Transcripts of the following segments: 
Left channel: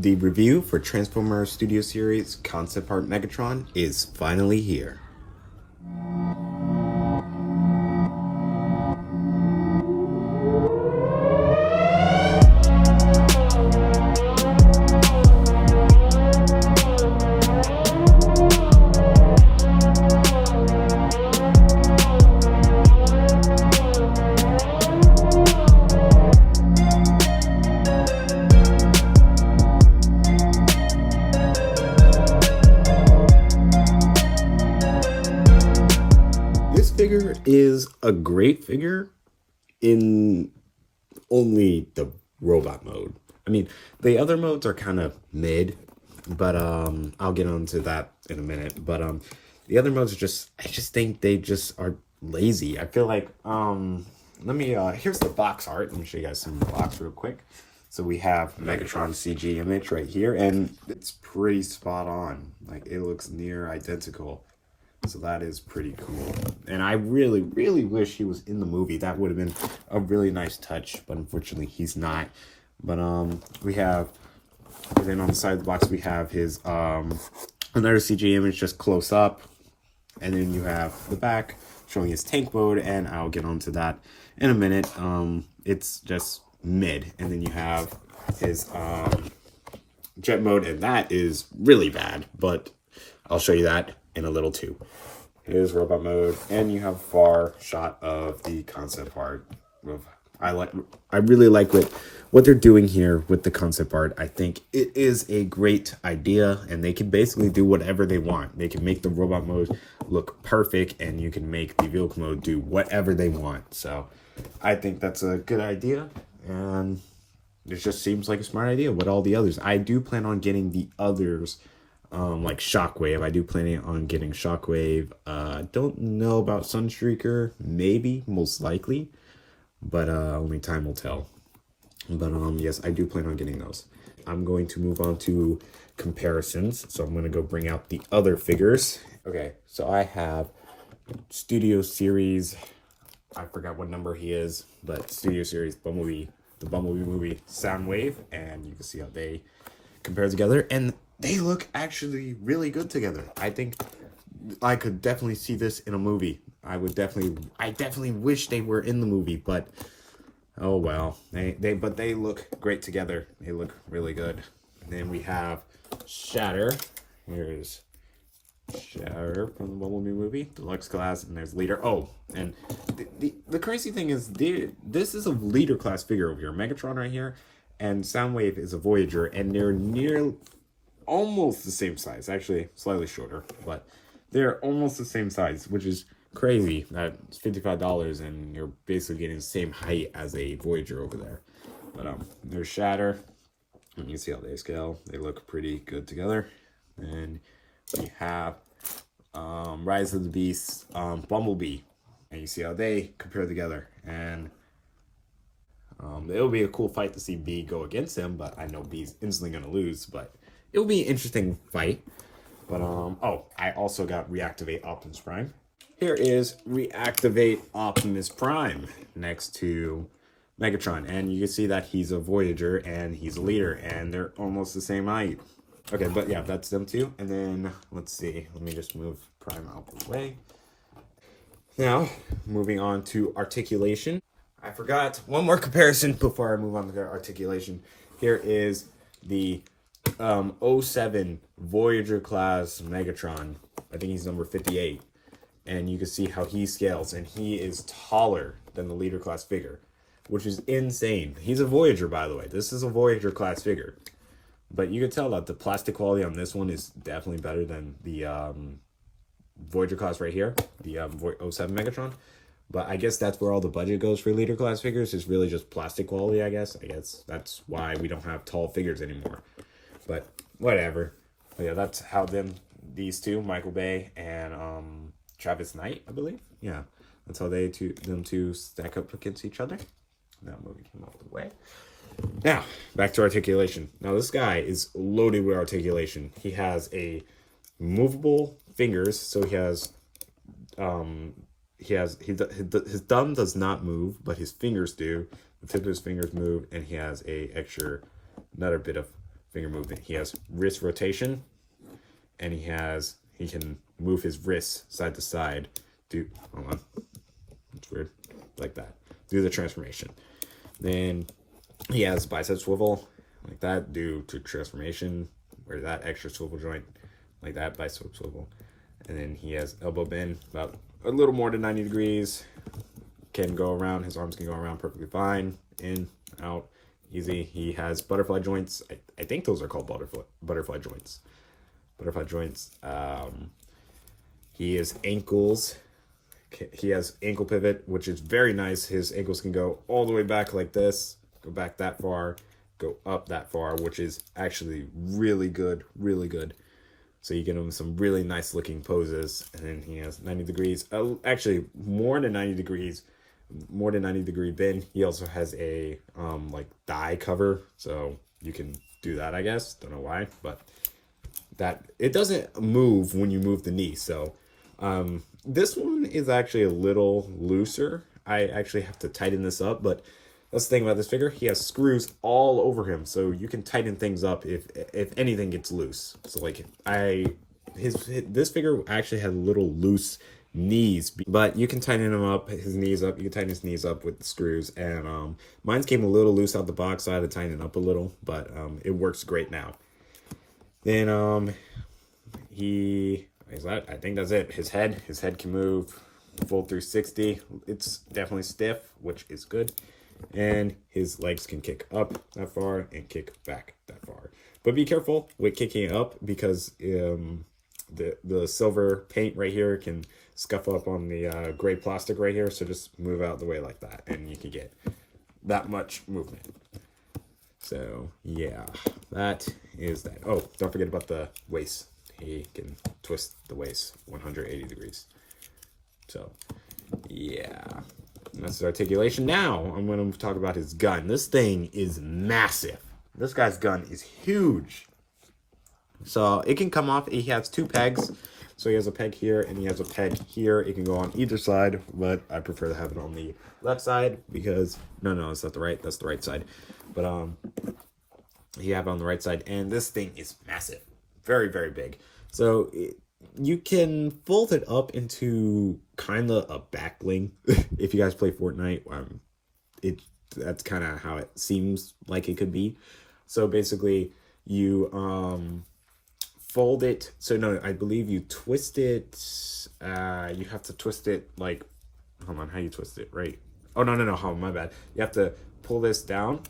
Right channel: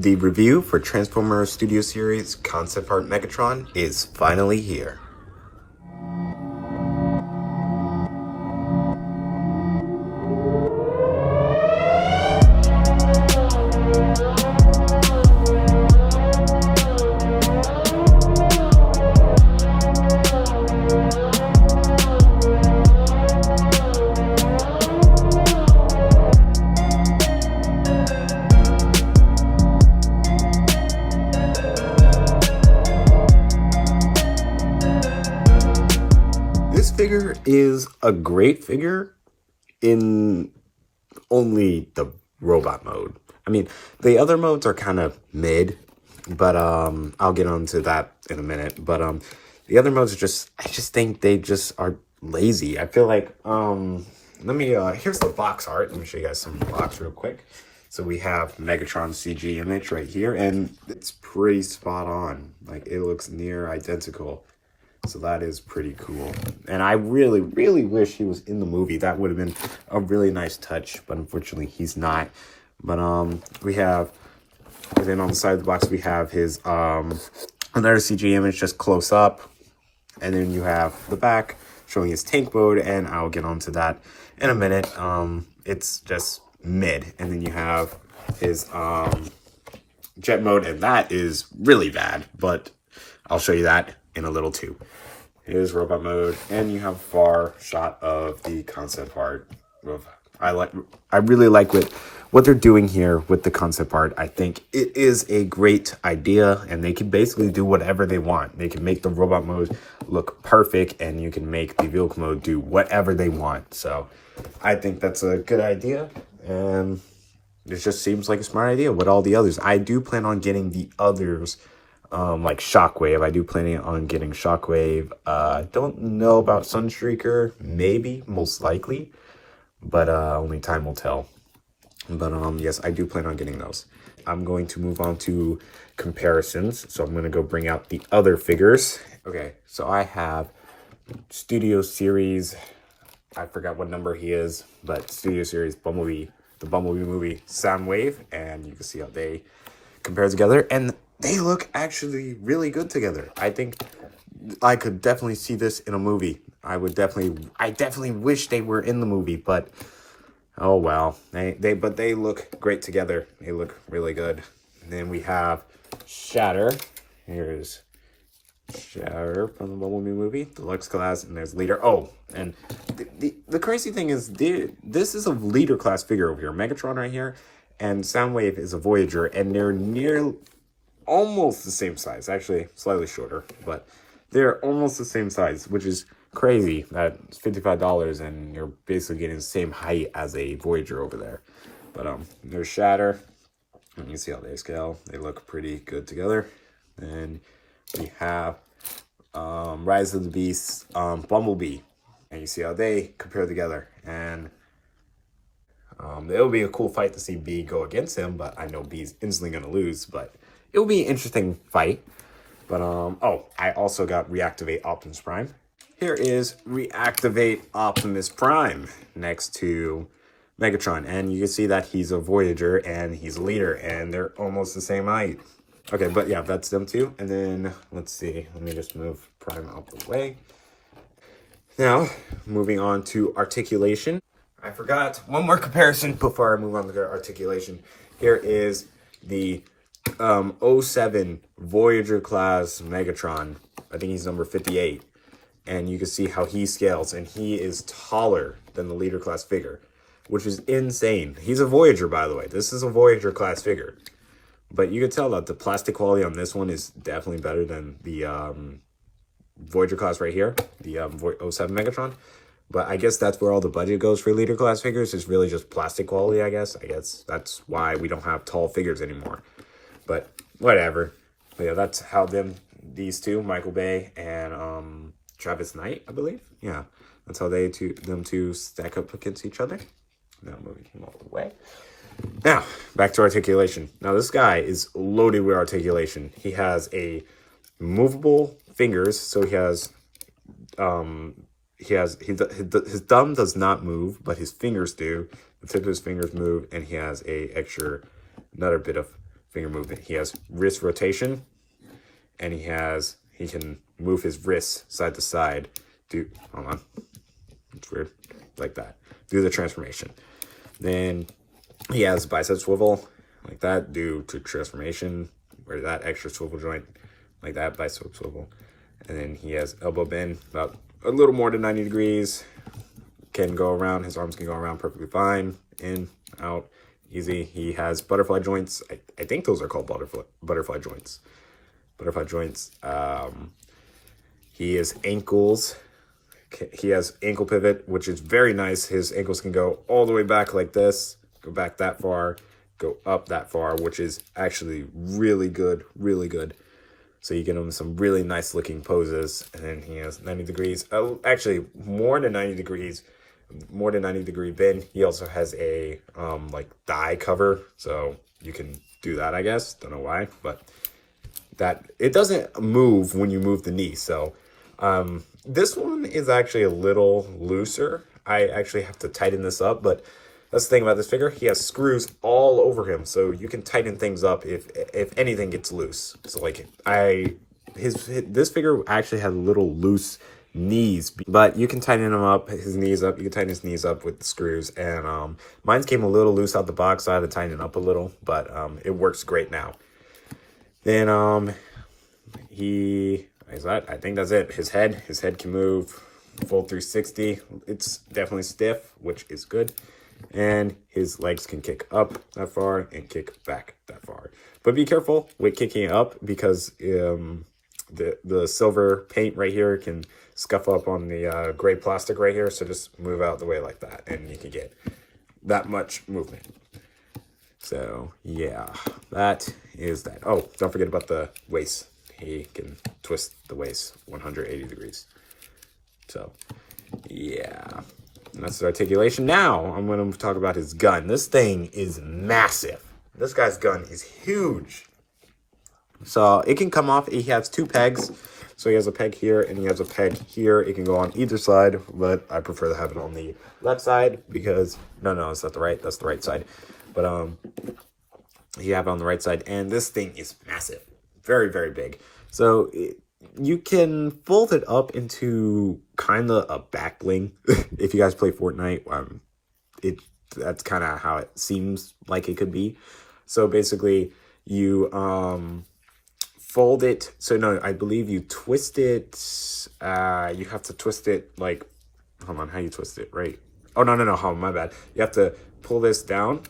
The review for Transformers Studio Series Concept Art Megatron is finally here. This figure is a great figure in only the robot mode. I mean, the other modes are kind of mid, but I'll get onto that in a minute. But the other modes are I just think they just are lazy. I feel like here's the box art. Let me show you guys some box real quick. So we have Megatron CG image right here, and it's pretty spot on. Like, it looks near identical. So that is pretty cool. And I really, really wish he was in the movie. That would have been a really nice touch, but unfortunately he's not. But we have, and then on the side of the box we have his another CG image just close up. And then you have the back showing his tank mode, and I'll get onto that in a minute. It's just mid. And then you have his jet mode, and that is really bad, but I'll show you that in a little too. Here's robot mode, and you have a far shot of the concept art. I really like what they're doing here with the concept art. I think it is a great idea, and they can basically do whatever they want. They can make the robot mode look perfect, and you can make the vehicle mode do whatever they want. So I think that's a good idea, and it just seems like a smart idea with all the others. I do plan on getting the others, like Shockwave. I do plan on getting Shockwave. Don't know about Sunstreaker. Maybe, most likely, but only time will tell. But yes, I do plan on getting those. I'm going to move on to comparisons. So I'm going to go bring out the other figures. Okay, so I have Studio Series. I forgot what number he is, but Studio Series Bumblebee, the Bumblebee movie Soundwave, and you can see how they compare together, and they look actually really good together. I think I could definitely see this in a movie. I definitely wish they were in the movie, but oh well. But they look great together. They look really good. And then we have Shatter. Here's Shatter from the Bumblebee movie, Deluxe Class, and there's Leader. Oh, and the crazy thing is, this is a Leader Class figure over here. Megatron right here, and Soundwave is a Voyager, and they're near almost the same size. Actually, slightly shorter, but they're almost the same size, which is crazy. That it's $55, and you're basically getting the same height as a Voyager over there. But there's Shatter. You can see how they scale. They look pretty good together. And we have Rise of the Beasts, Bumblebee, and you see how they compare together. And it'll be a cool fight to see B go against him, but I know B's instantly gonna lose. But it'll be an interesting fight. But oh, I also got Reactivate Optimus Prime. Here is Reactivate Optimus Prime next to Megatron, and you can see that he's a Voyager and he's a Leader, and they're almost the same height. Okay, but yeah, that's them too. And then let's see. Let me just move Prime out the way. Now, moving on to Articulation. I forgot one more comparison before I move on to Articulation. Here is the 07 Voyager class Megatron. I think he's number 58. And you can see how he scales, and he is taller than the Leader class figure, which is insane. He's a Voyager, by the way. This is a Voyager class figure. But you can tell that the plastic quality on this one is definitely better than the Voyager class right here, the 07 Megatron. But I guess that's where all the budget goes for Leader class figures. It's really just plastic quality, I guess. I guess that's why we don't have tall figures anymore. But whatever. But yeah, that's how these two, Michael Bay and Travis Knight, I believe. Yeah, that's how them two stack up against each other. Now moving him out the way. Now, back to Articulation. Now, this guy is loaded with articulation. He has a movable fingers, so his thumb does not move, but his fingers do. The tip of his fingers move, and he has another bit of finger movement. He has wrist rotation, and he can move his wrists side to side. Hold on, it's weird, like that. Do the transformation. Then he has bicep swivel, like that. Do to transformation, where that extra swivel joint, like that, bicep swivel. And then he has elbow bend, about a little more than 90 degrees. Can go around, his arms can go around perfectly fine. In, out, easy. He has butterfly joints. I think those are called butterfly joints. Butterfly joints. He has ankles. He has ankle pivot, which is very nice. His ankles can go all the way back like this, go back that far, go up that far, which is actually really good, really good. So you get him some really nice looking poses. And then he has 90 degrees. Oh, actually more than 90 degrees. More than 90 degree bend. He also has a like thigh cover, so you can do that, I guess. Don't know why, but that it doesn't move when you move the knee. So this one is actually a little looser. I actually have to tighten this up, but that's the thing about this figure. He has screws all over him, so you can tighten things up if anything gets loose. So like this figure actually has little loose knees, but you can tighten him up, his knees up. You can tighten his knees up with the screws, and mine came a little loose out the box, so I had to tighten it up a little, but it works great now. Then I think that's it. His head can move full 360. It's definitely stiff, which is good. And his legs can kick up that far and kick back that far. But be careful with kicking up, because the silver paint right here can scuff up on the gray plastic right here. So just move out the way like that, and you can get that much movement. So yeah, that is that. Oh, don't forget about the waist. He can twist the waist 180 degrees. So yeah, and that's his articulation. Now I'm going to talk about his gun. This thing is massive. This guy's gun is huge. So it can come off. He has two pegs. So he has a peg here and he has a peg here. It can go on either side, but I prefer to have it on the left side because no, it's not the right. That's the right side. But you have it on the right side, and this thing is massive, very, very big. So you can fold it up into kind of a back bling. If you guys play Fortnite, that's kind of how it seems like it could be. So basically, you fold it. So no, I believe you twist it. You have to twist it like, hold on, how you twist it, right? Oh no, hold on, my bad. You have to pull this down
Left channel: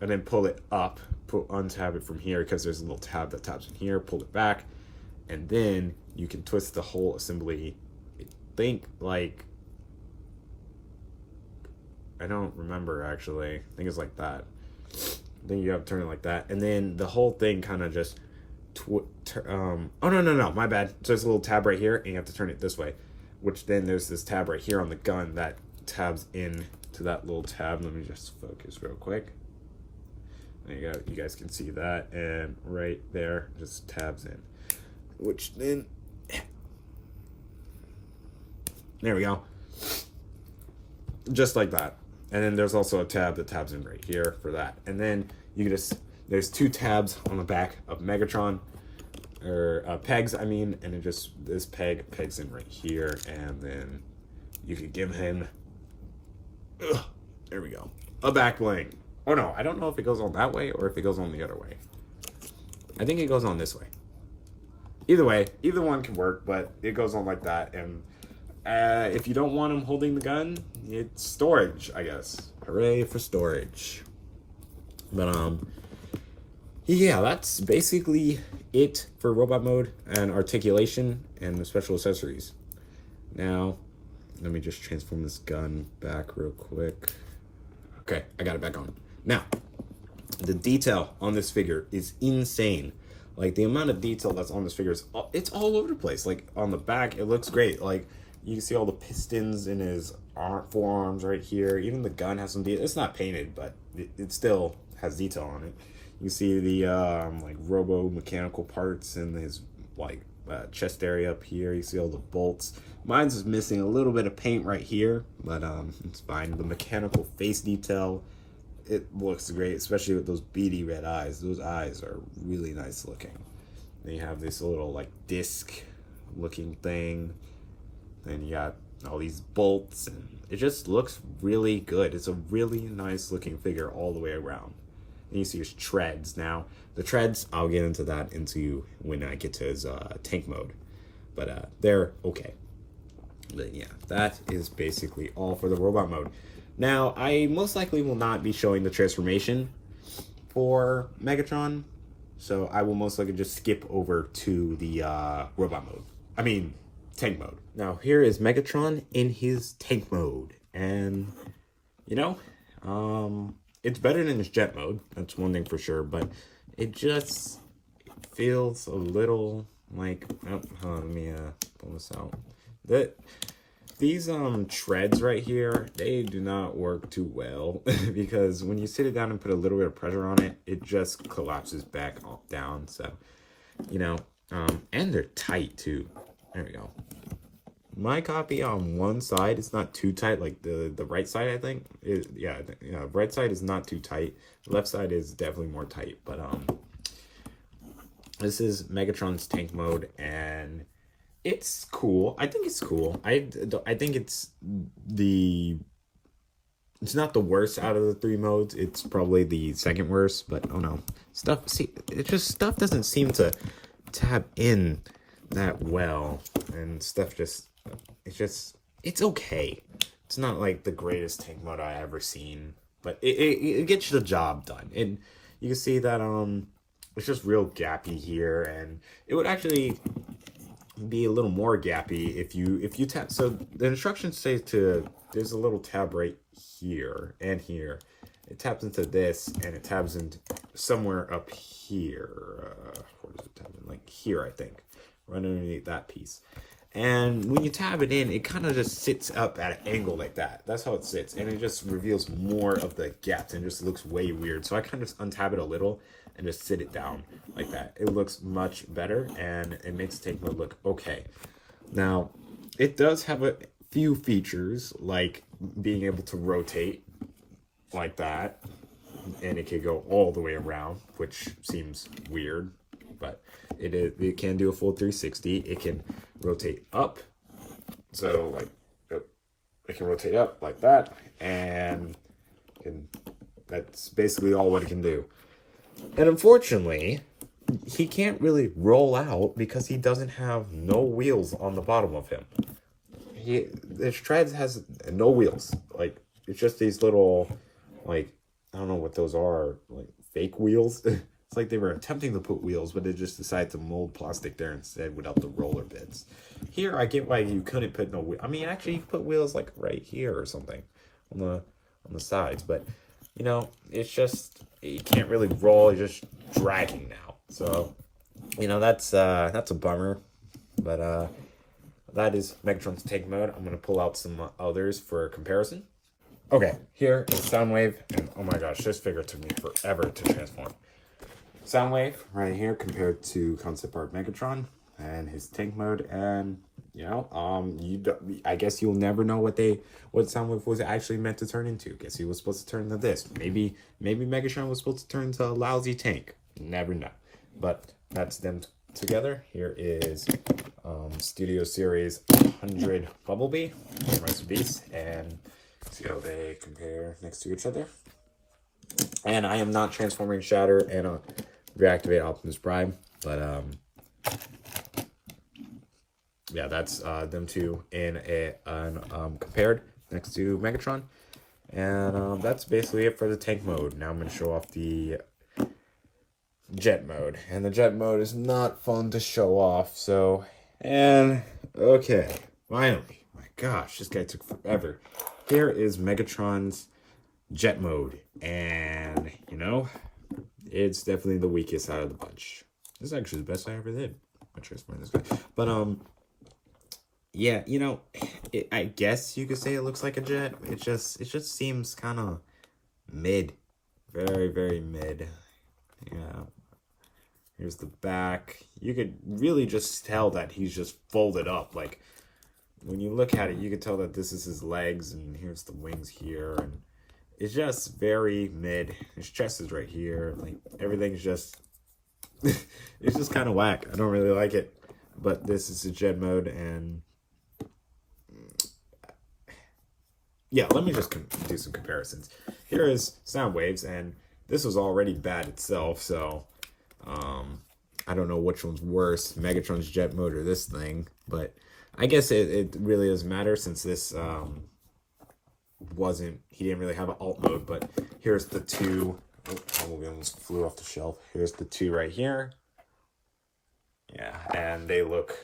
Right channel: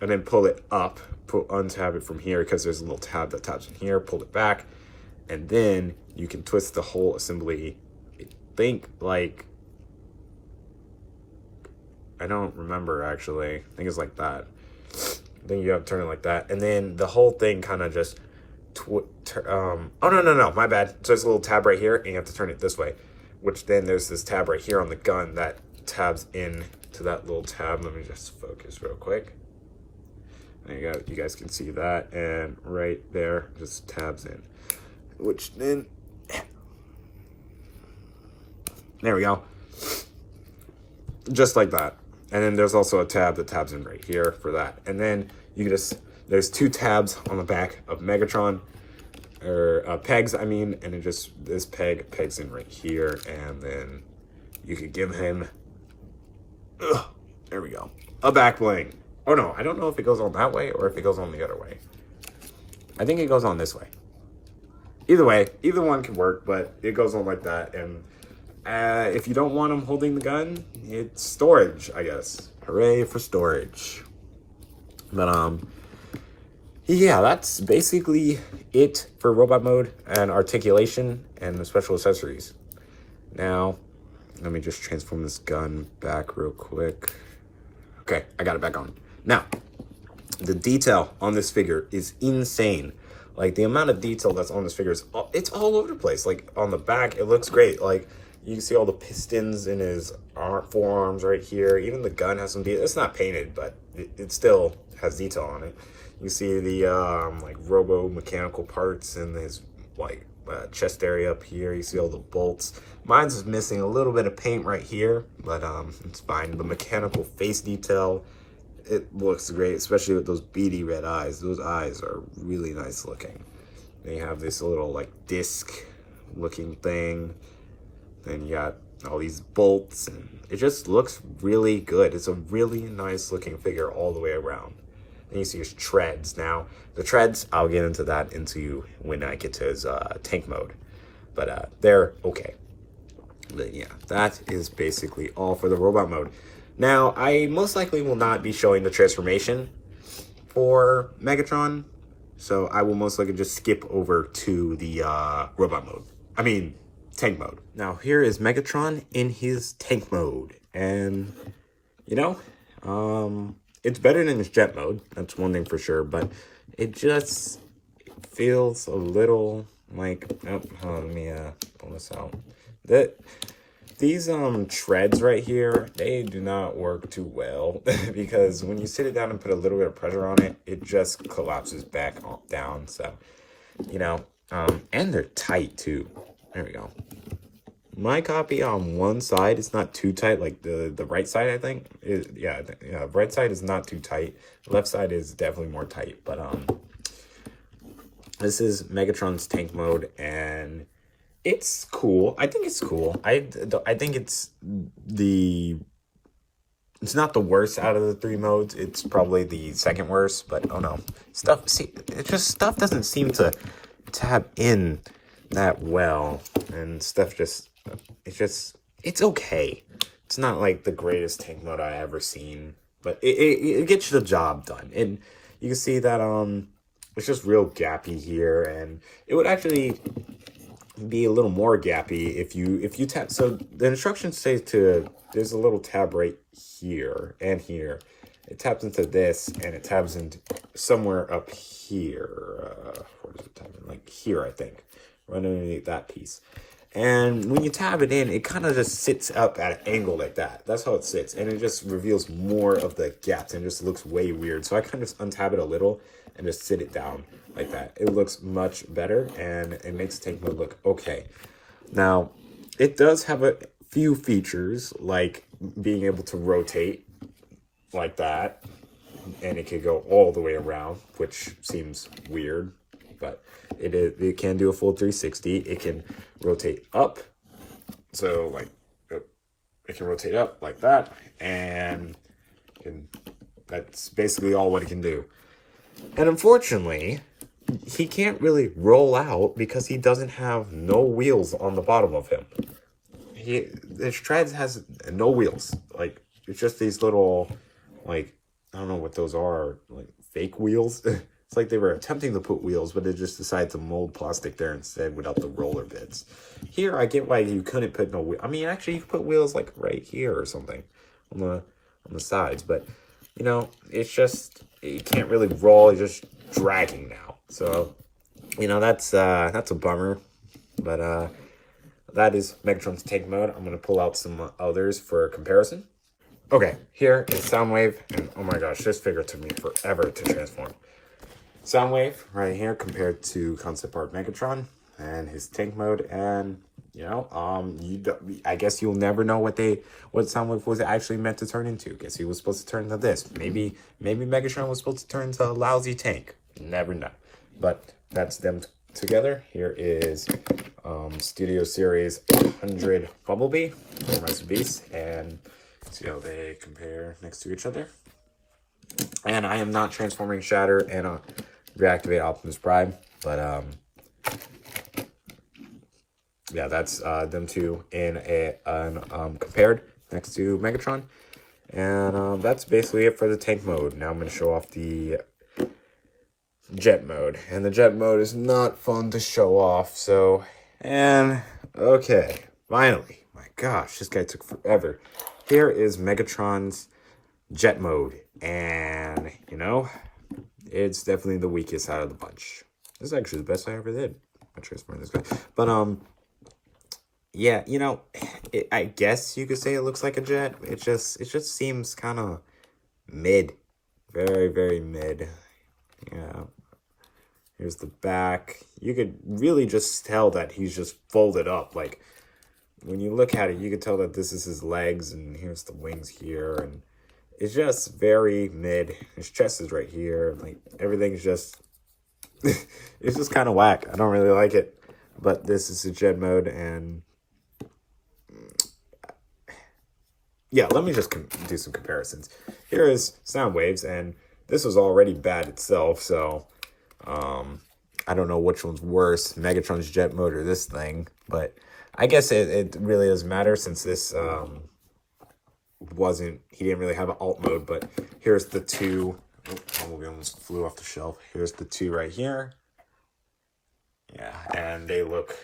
and then pull it up. Untab it from here because there's a little tab that tabs in here. Pull it back, and then you can twist the whole assembly. Think like, I don't remember actually. I think it's like that. Then you have to turn it like that, and then the whole thing kind of just oh no, my bad. So there's a little tab right here, and you have to turn it this way. Which then there's this tab right here on the gun that tabs in to that little tab. Let me just focus real quick. There you go. You guys can see that, and right there just tabs in. Which then, there we go. Just like that. And then there's also a tab that tabs in right here for that. And then you can there's two tabs on the back of Megatron, or pegs, I mean, and it just, this pegs in right here, and then you could give him, there we go, a back bling. Oh no, I don't know if it goes on that way or if it goes on the other way. I think it goes on this way. Either way, either one can work, but it goes on like that. And if you don't want him holding the gun, it's storage, I guess. Hooray for storage. But yeah, that's basically it for robot mode and articulation and the special accessories. Now, let me just transform this gun back real quick. Okay, I got it back on. Now, the detail on this figure is insane. Like, the amount of detail that's on this figure is, it's all over the place. Like, on the back, it looks great. Like, you can see all the pistons in his forearms right here. Even the gun has some detail. It's not painted, but it still has detail on it. You see the, like, robo-mechanical parts in his, like, chest area up here. You see all the bolts. Mine's just missing a little bit of paint right here, but it's fine. The mechanical face detail, it looks great, especially with those beady red eyes. Those eyes are really nice looking. They have this little like disc looking thing. Then you got all these bolts, and it just looks really good. It's a really nice looking figure all the way around. And you see his treads. Now, the treads, I'll get into that when I get to his tank mode. But they're okay. But yeah, that is basically all for the robot mode. Now, I most likely will not be showing the transformation for Megatron. So I will most likely just skip over to the robot mode. I mean, tank mode. Now, here is Megatron in his tank mode. And, you know, it's better than his jet mode. That's one thing for sure. But it just feels a little like... let me pull this out. These treads right here, they do not work too well. Because when you sit it down and put a little bit of pressure on it, it just collapses back down. So, you know, and they're tight too. There we go. My copy on one side is not too tight, like the right side, I think. Yeah, right side is not too tight. Left side is definitely more tight. But this is Megatron's tank mode, and it's cool. I think it's cool. I think it's not the worst out of the three modes. It's probably the second worst, but oh no. Stuff doesn't seem to tap in that well, and stuff it's okay. It's not like the greatest tank mode I ever seen, but it gets the job done. And you can see that it's just real gappy here, and it would actually be a little more gappy if you tap. So the instructions say there's a little tab right here and here. It taps into this, and it tabs into somewhere up here. Where does it tab in? Like here, I think, right underneath that piece. And when you tab it in, it kind of just sits up at an angle like that. That's how it sits, and it just reveals more of the gaps, and just looks way weird. So I kind of just untap it a little and just sit it down like that. It looks much better, and it makes tank mode look okay. Now, it does have a few features, like being able to rotate like that, and it can go all the way around, which seems weird, but it can do a full 360. It can rotate up, so like it can rotate up like that, and that's basically all what it can do. And unfortunately, he can't really roll out because he doesn't have no wheels on the bottom of him. His treads has no wheels. Like, it's just these little, like, I don't know what those are, like fake wheels. It's like they were attempting to put wheels, but they just decided to mold plastic there instead without the roller bits. Here, I get why you couldn't put no wheel. I mean, actually, you could put wheels like right here or something on the sides, but you know, it's just you can't really roll. You're just dragging now. So, you know, that's a bummer. But that is Megatron's tank mode. I'm gonna pull out some others for comparison. Okay, here is Soundwave, and oh my gosh, this figure took me forever to transform. Soundwave right here compared to concept art Megatron and his tank mode, and you know, I guess you'll never know what Soundwave was actually meant to turn into. Guess he was supposed to turn into this. Maybe Megatron was supposed to turn into a lousy tank. Never know. But that's them together. Here is Studio Series 100 Bumblebee from Rest in Peace, and see how they compare next to each other. And I am not transforming Shatter and reactivate Optimus Prime, but yeah, that's them two in compared next to Megatron. And that's basically it for the tank mode. Now I'm going to show off the jet mode. And the jet mode is not fun to show off, so... And, okay, finally. My gosh, this guy took forever. Here is Megatron's jet mode. And, you know, it's definitely the weakest out of the bunch. This is actually the best I ever did. I'm transforming this guy. But, yeah, you know, I guess you could say it looks like a jet. It just seems kind of mid. Very, very mid. Yeah. Here's the back. You could really just tell that he's just folded up. Like, when you look at it, you could tell that this is his legs, and here's the wings here. And it's just very mid. His chest is right here. Like, everything's just, it's just kind of whack. I don't really like it. But this is a Gen mode, and yeah, let me just do some comparisons. Here is Sound Waves, and this was already bad itself, so I don't know which one's worse, Megatron's Jet mode or this thing, but I guess it really doesn't matter since this he didn't really have an alt mode. But here's the two. Oh, Bumblebee almost flew off the shelf. Here's the two right here. Yeah, and they look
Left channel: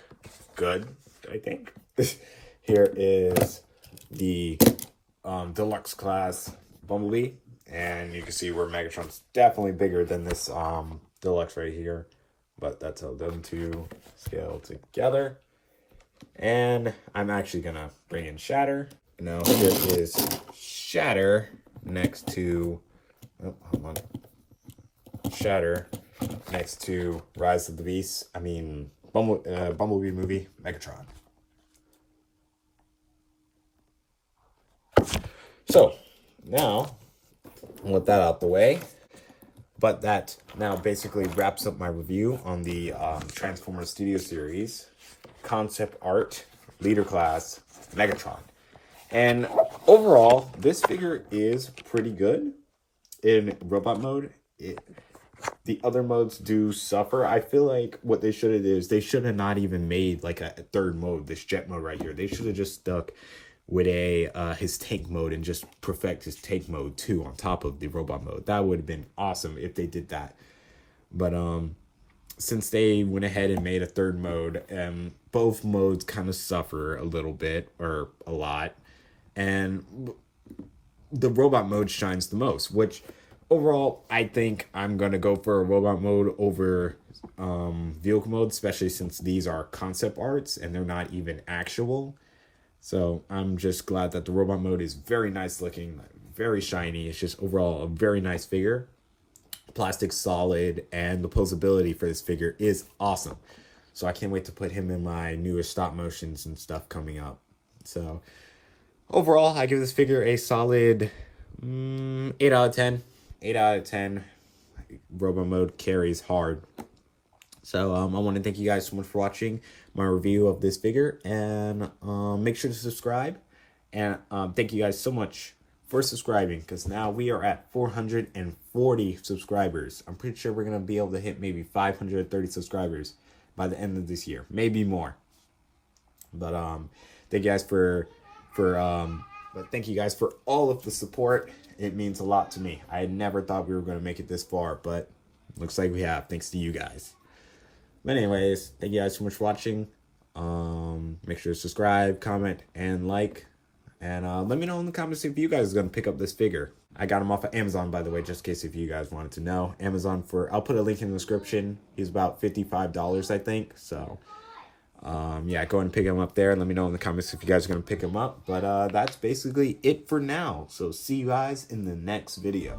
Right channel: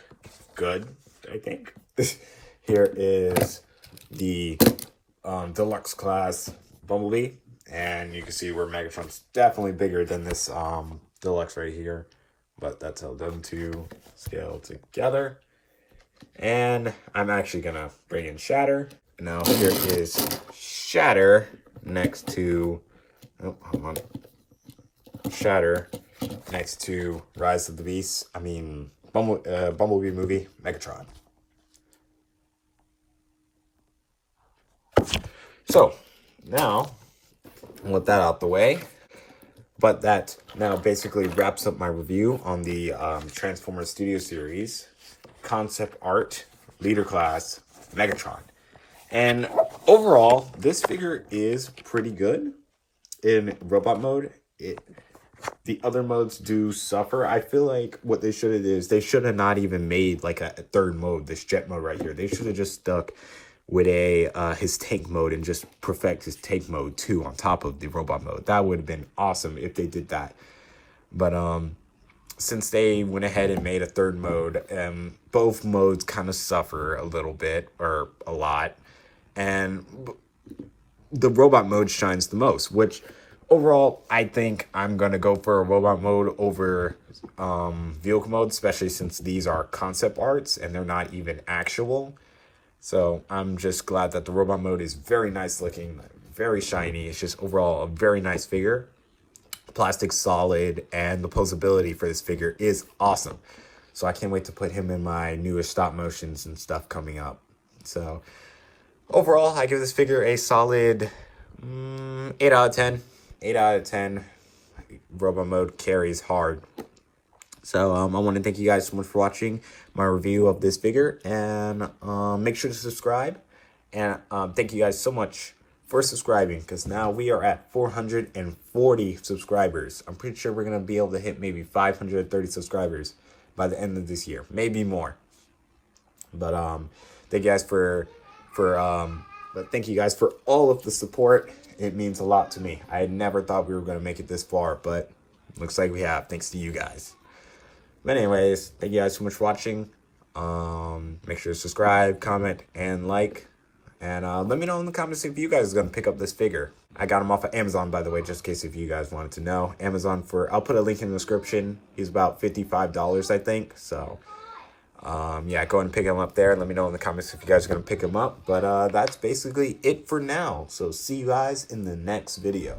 good, I think. Here is the deluxe class Bumblebee, and you can see where Megatron's definitely bigger than this deluxe right here, but that's how them two scale together. And I'm actually gonna bring in Shatter. Now here is Shatter next to Shatter next to Rise of the Beast. I mean, Bumblebee movie, Megatron. So, now, with that out the way, but that now basically wraps up my review on the Transformers Studio Series concept art leader class Megatron. And overall, this figure is pretty good in robot mode. The other modes do suffer. I feel like what they should have did is they should have not even made like a third mode, this jet mode right here. They should have just stuck with his tank mode and just perfect his tank mode too on top of the robot mode. That would have been awesome if they did that. But since they went ahead and made a third mode, both modes kind of suffer a little bit or a lot. And the robot mode shines the most, which overall, I think I'm going to go for a robot mode over vehicle mode, especially since these are concept arts and they're not even actual. So I'm just glad that the robot mode is very nice looking, very shiny. It's just overall a very nice figure. The plastic's solid, and the posability for this figure is awesome. So I can't wait to put him in my newest stop motions and stuff coming up. So overall, I give this figure a solid 8 out of 10. 8 out of 10. Robot mode carries hard. So I want to thank you guys so much for watching my review of this figure, and make sure to subscribe. And thank you guys so much for subscribing, because now we are at 440 subscribers. I'm pretty sure we're going to be able to hit maybe 530 subscribers by the end of this year, maybe more. But thank you guys thank you guys for all of the support. It means a lot to me. I never thought we were going to make it this far, but looks like we have, thanks to you guys. But anyways, thank you guys so much for watching. Make sure to subscribe, comment, and like. And let me know in the comments if you guys are going to pick up this figure. I got him off of Amazon, by the way, just in case if you guys wanted to know. Amazon I'll put a link in the description. He's about $55, I think. So, yeah, go ahead and pick him up there. And let me know in the comments if you guys are going to pick him up. But that's basically it for now. So see you guys in the next video.